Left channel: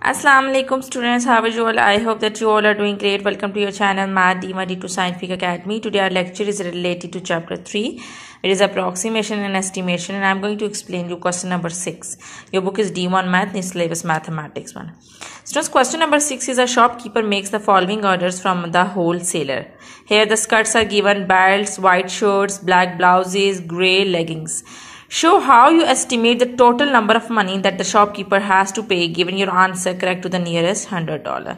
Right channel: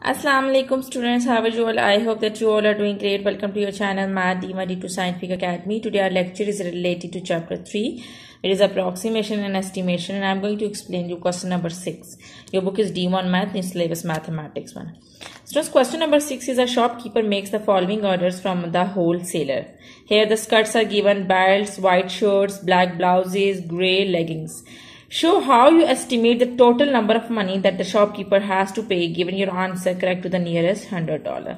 Assalamu alaikum students, how are you all? I hope that you all are doing great. Welcome to your channel Math D2 Scientific Academy. Today our lecture is related to chapter 3. It is approximation and estimation, and I am going to explain you question number 6. Your book is D1 Math, in syllabus Mathematics 1. Students, question number 6 is a shopkeeper makes the following orders from the wholesaler. Here the skirts are given: belts, white shirts, black blouses, grey leggings. Show how you estimate the total number of money that the shopkeeper has to pay given your answer correct to the nearest $100.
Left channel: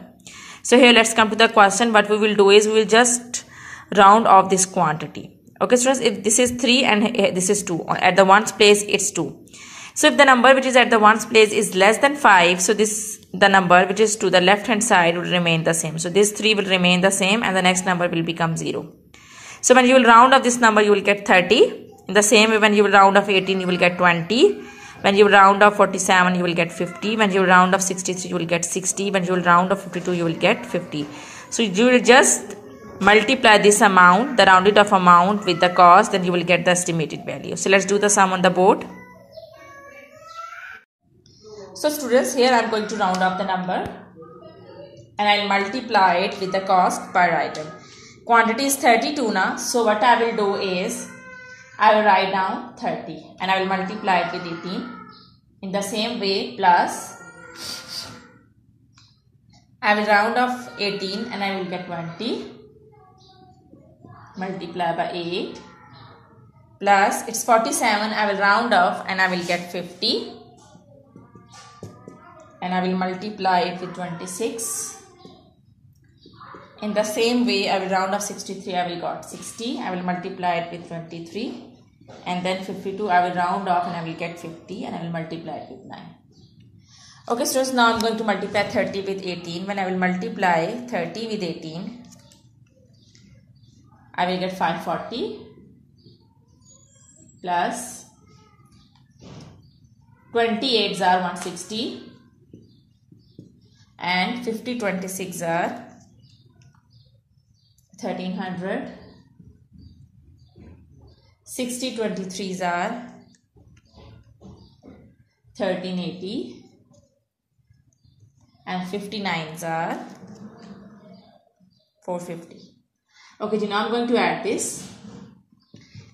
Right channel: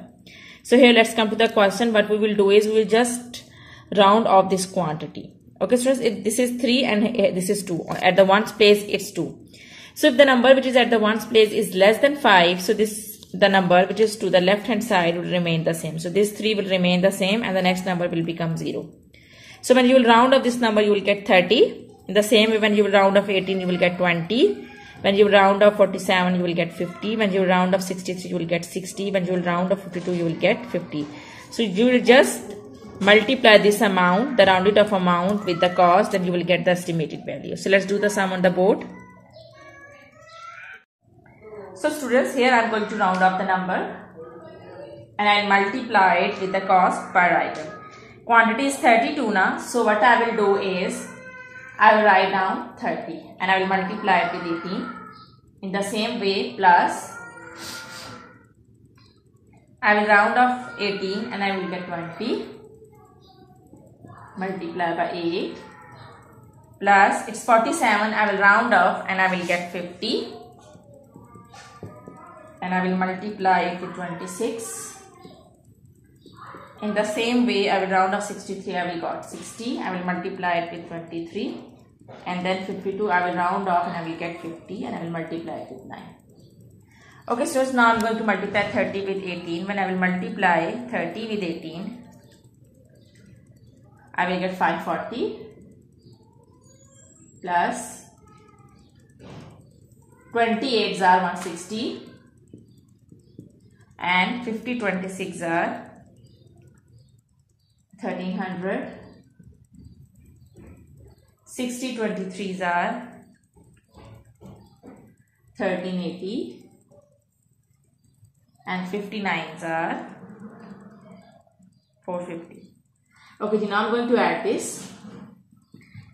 So here let's come to the question. What we will do is we will just round off this quantity. Okay students, if this is 3 and this is 2, at the ones place it's 2. So if the number which is at the ones place is less than 5, so the number which is to the left hand side will remain the same. So this 3 will remain the same and the next number will become 0. So when you will round off this number, you will get 30. In the same way, when you will round off 18, you will get 20. When you will round off 47, you will get 50. When you will round off 63, you will get 60. When you will round off 52, you will get 50. So you will just multiply this amount, the rounded off amount, with the cost, then you will get the estimated value. So let's do the sum on the board. So students, here I am going to round off the number and I will multiply it with the cost per item. Quantity is 32 now. So what I will do is, I will write down 30 and I will multiply it with 18. In the same way, plus I will round off 18 and I will get 20. Multiply by 8. Plus it's 47, I will round off and I will get 50. And I will multiply it with 26. In the same way, I will round off 63, I will got 60. I will multiply it with 23. And then 52, I will round off and I will get 50 and I will multiply it with 9. Okay, so now I am going to multiply 30 with 18. When I will multiply 30 with 18, I will get 540 plus 28s are 160 and 50 26 are 1300. 60 23s are 1380 and 59s are 450. Okay, so now I'm going to add this.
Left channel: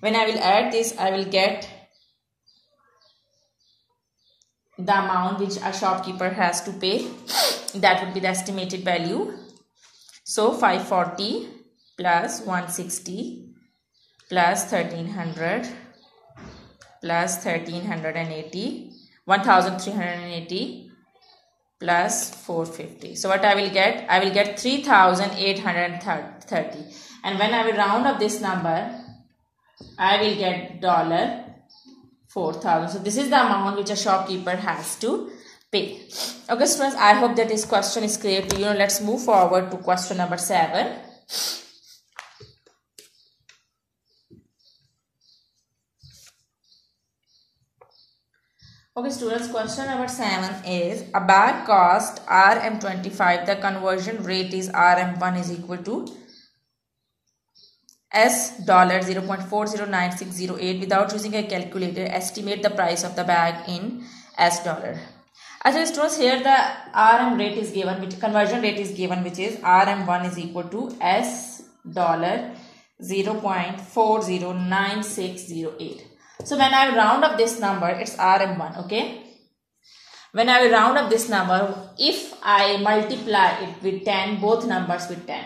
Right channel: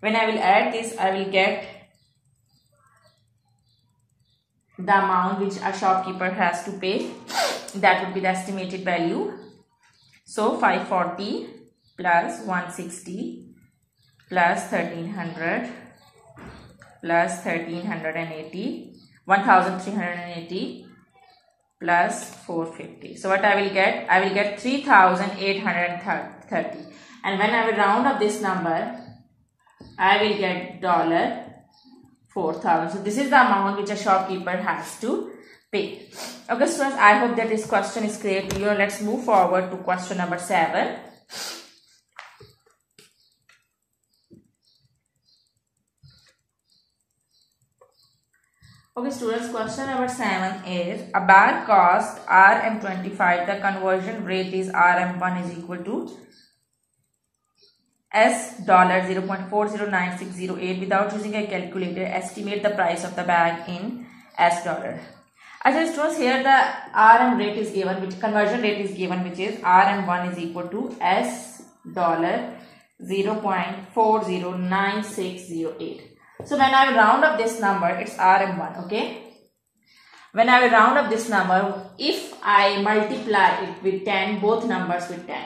When I will add this, I will get the amount which a shopkeeper has to pay. That would be the estimated value. So 540 plus 160 plus 1300 plus 1380 plus 450. So what I will get? I will get 3830. And when I will round up this number, I will get $4,000. So this is the amount which a shopkeeper has to pay. Okay students, I hope that this question is clear to you. Let's move forward to question number 7. Okay students, question number 7 is a bag cost RM25. The conversion rate is RM1 is equal to S $0.409608. Without using a calculator, estimate the price of the bag in S dollar. Actually students, here the RM rate is given, which conversion rate is given, which is RM1 is equal to S $0.409608. So when I will round up this number, it's RM1, okay? When I will round up this number, if I multiply it with 10, both numbers with 10.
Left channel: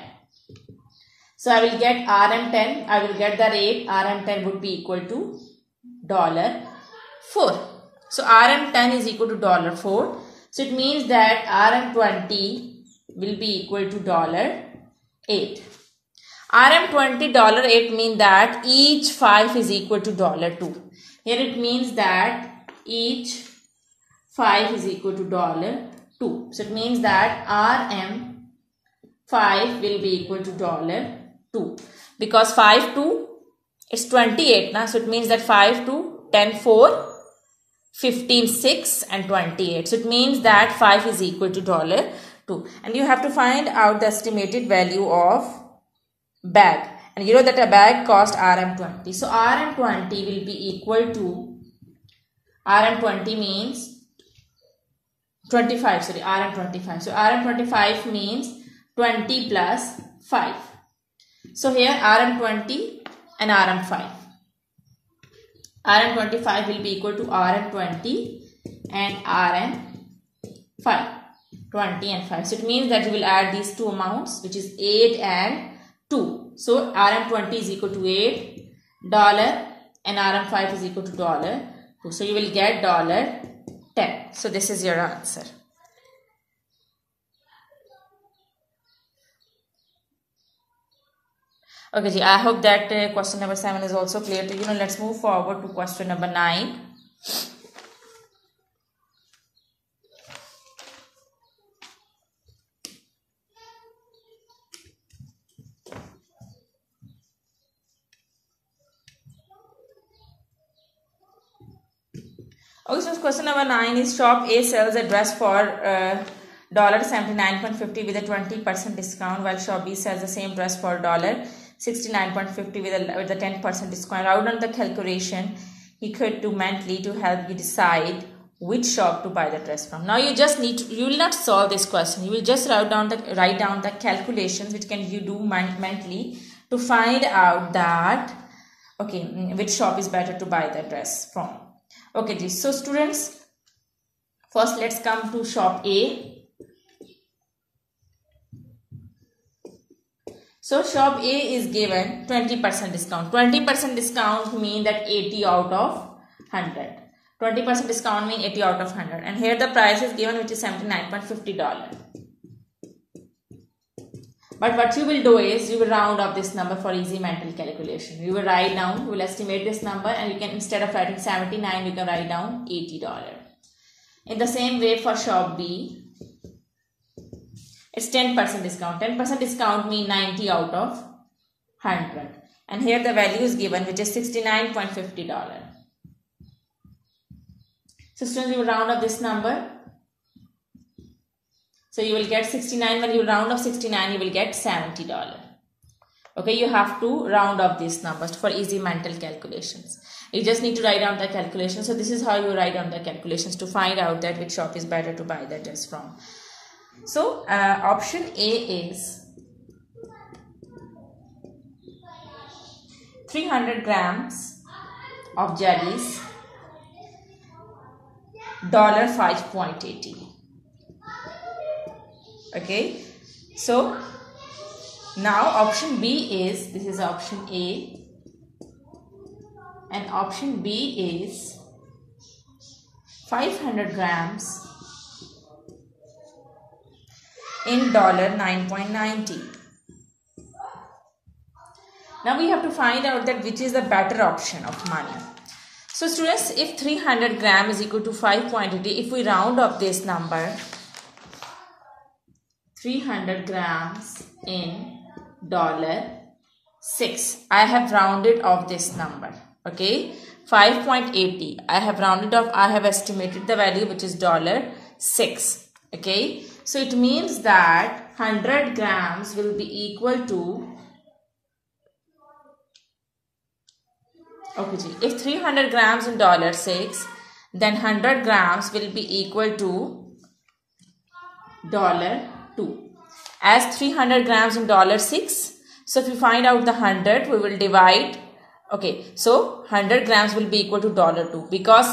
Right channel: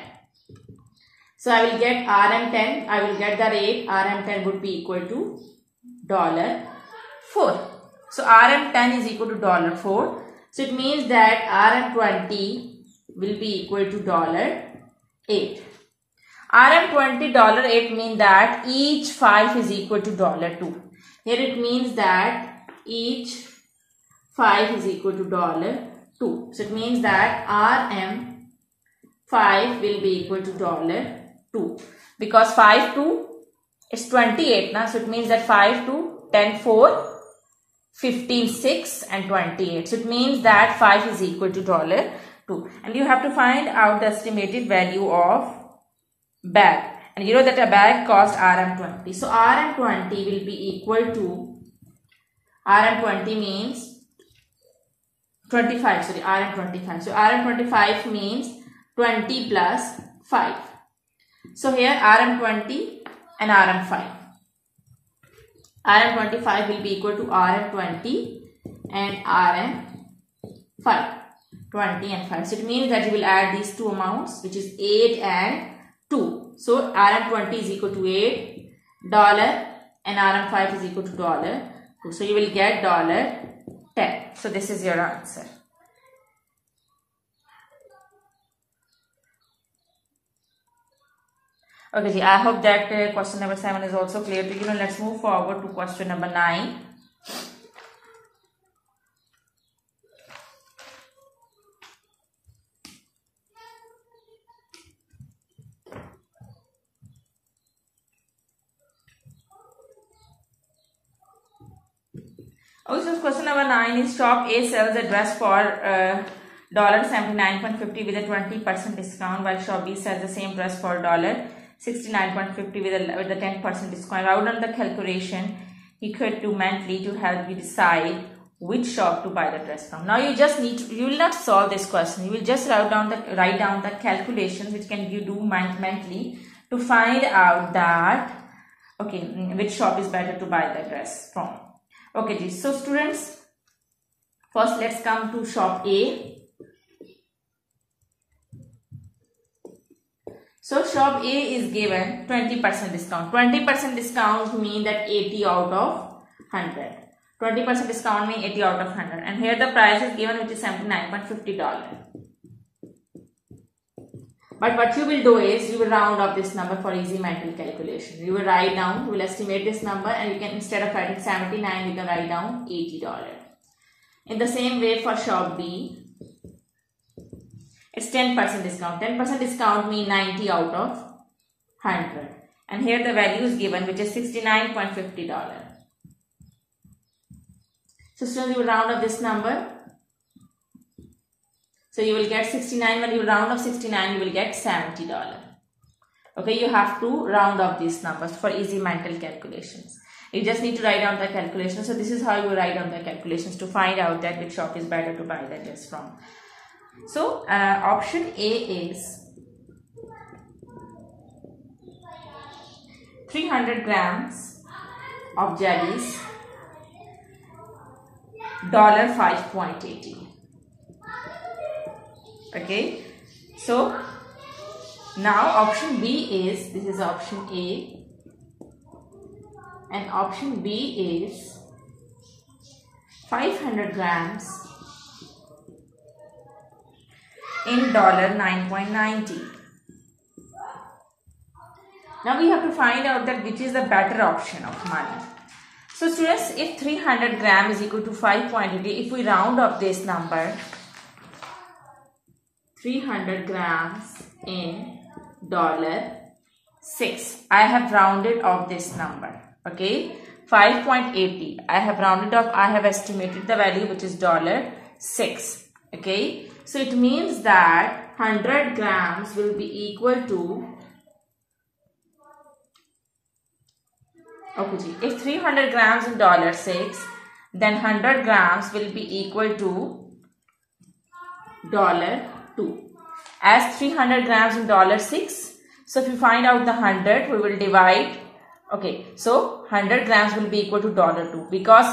So I will get RM10, I will get the rate, RM10 would be equal to $4. So RM10 is equal to $4. So it means that RM20 will be equal to $8. RM20 $8 means that each 5 is equal to $2. Here it means that each 5 is equal to $2. So it means that RM5 will be equal to $2. Because 5 to is 28 now. So it means that 5 to 10 4 15 6 and 28. So it means that 5 is equal to $2. And you have to find out the estimated value of bag, and you know that a bag cost RM20. So RM20 will be equal to, RM20 means 25, sorry, Rm25. So Rm25 means 20 plus 5. So here Rm20 and Rm5. Rm25 will be equal to Rm20 and Rm5. 20 and 5. So it means that you will add these two amounts, which is 8 and 2. So Rm20 is equal to $8 and Rm5 is equal to $2. So you will get $10. So this is your answer. Okay, I hope that question number 7 is also clear to you. Now let's move forward to question number 9. Okay, so question number 9 is shop A sells a dress for $79.50 with a 20% discount, while shop B sells the same dress for $69.50 with a 10% discount. Write down the calculation he could do mentally to help you decide which shop to buy the dress from. Now you just need to, you will not solve this question. You will just write down the calculations which can you do mentally to find out that which shop is better to buy the dress from. Okay, so students, first let's come to shop A. So shop A is given 20% discount. 20% discount mean that 80 out of 100. 20% discount mean 80 out of 100. And here the price is given, which is $79.50. But what you will do is, you will round up this number for easy mental calculation. You will write down, you will estimate this number, and you can, instead of writing 79, you can write down $80. In the same way for shop B, it's 10% discount. 10% discount means 90 out of 100. And here the value is given, which is $69.50. So students, you will round up this number. So you will get 69. When you round up 69, you will get $70. Okay, you have to round up these numbers for easy mental calculations. You just need to write down the calculations. So this is how you write down the calculations to find out that which shop is better to buy the dress from. So option A is 300 grams of jellies, $5.80. Okay, so now option B is, this is option A, and option B is 500 grams in $9.90. Now we have to find out that which is the better option of money. So students, if 300 gram is equal to 5.80, if we round up this number, 300 grams in $6. I have rounded off this number. Okay, 5.80. I have rounded off. I have estimated the value, which is $6. Okay, so it means that 100 grams will be equal to, if 300 grams in $6, then 100 grams will be equal to $2. As 300 grams in $6, so if we find out the 100, we will divide. Okay, so 100 grams will be equal to $2 because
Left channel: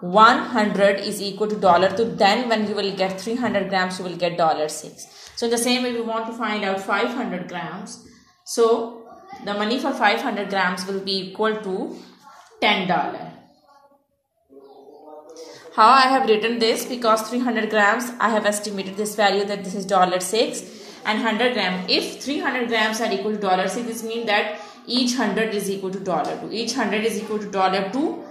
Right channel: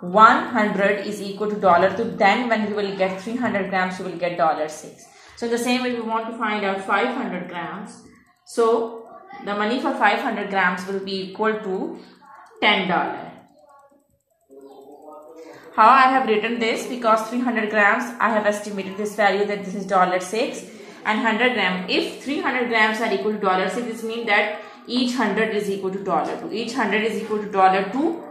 100 is equal to $2. Then when you will get 300 grams, you will get $6. So in the same way, we want to find out 500 grams. So the money for 500 grams will be equal to $10. How I have written this? Because 300 grams, I have estimated this value that this is $6, and 100 grams. If 300 grams are equal to $6, this means that each 100 is equal to $2. Each 100 is equal to $2.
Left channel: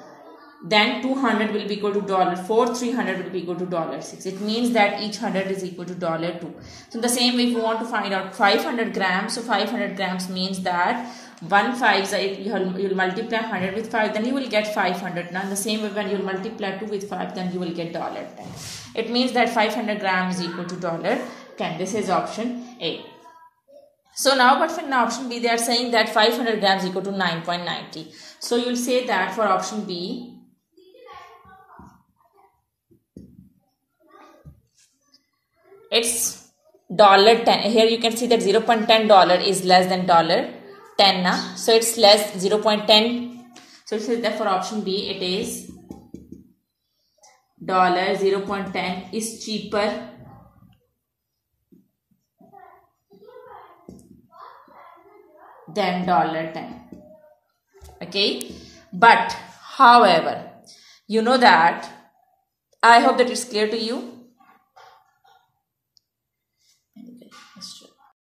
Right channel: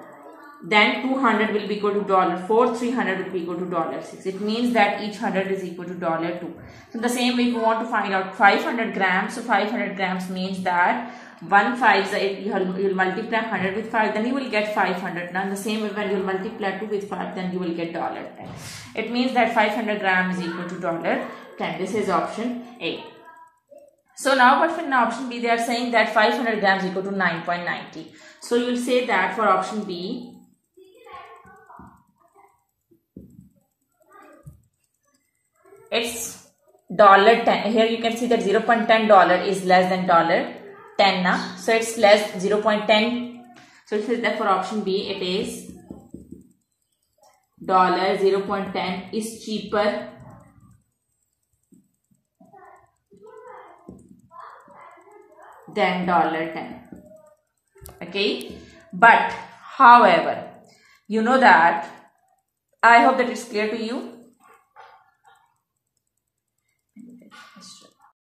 Then 200 will be equal to $4. 300 will be equal to $6. It means that each 100 is equal to $2. So the same way, if you want to find out 500 grams, so 500 grams means that 1 5, you will multiply 100 with 5, then you will get 500. Now in the same way, when you multiply 2 with 5, then you will get $10. It means that 500 grams is equal to $10. This is option A. So now, but in option B, they are saying that 500 grams is equal to 9.90. So you will say that for option B, it's $10. Here you can see that $0.10 is less than $10 now. So it's less 0.10. So it's therefore option B, it is $0.10 is cheaper than $10. Okay, but however, you know that I hope that it's clear to you.